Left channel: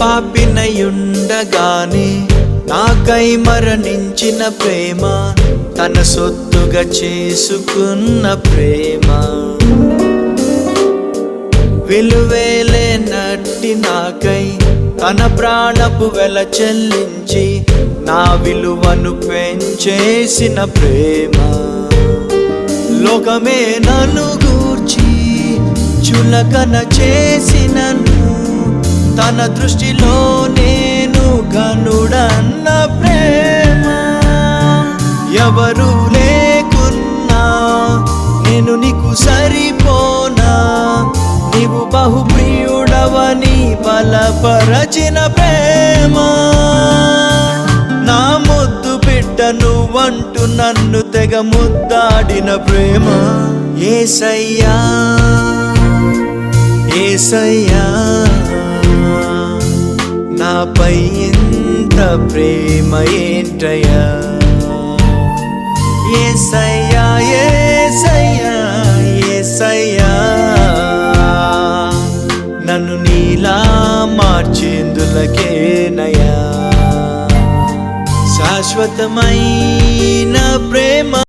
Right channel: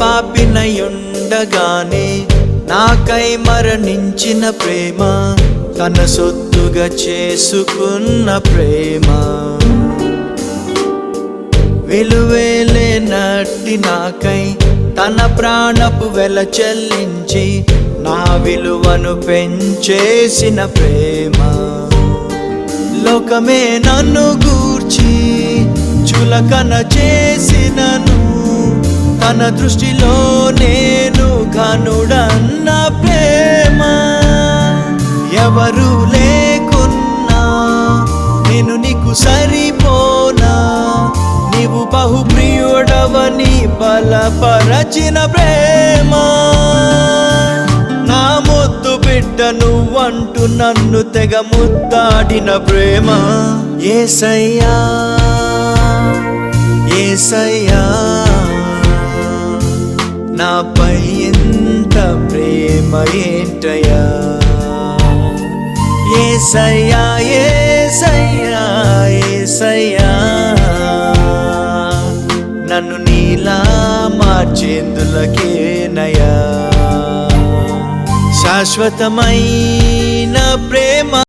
పాపినయుండగానే నాకై మరణించిన ప్రేమ, తన సొత్తుగా చేసుకున్న ప్రేమ. విలువేలేనట్టి నాకై తన ప్రాణపు వెల చెల్లించి నా విలువను పెంచేసిన ప్రేమ. లోకమే నన్ను గూర్చి చులకన చేసినను, తన దృష్టిలో నేను ఘనుడన్న ప్రేమ. ఎవరు లేకున్నా నేను నీకు సరిపోనా, నీవు బహుప్రియుడవని బలపరచిన ప్రేమ. నా ముద్దు బిడ్డ నువ్వంటూ నన్ను తెగ ముద్దాడిన ప్రేమ. యేసయ్యా యేసయ్యా, నాపై ఇంత ప్రేమ ఏంటయ్యా. యేసయ్యా యేసయ్యా యేసయ్యా, నన్ను నీలా మార్చేందులకేనయ్యా. శాశ్వతమైన ప్రేమ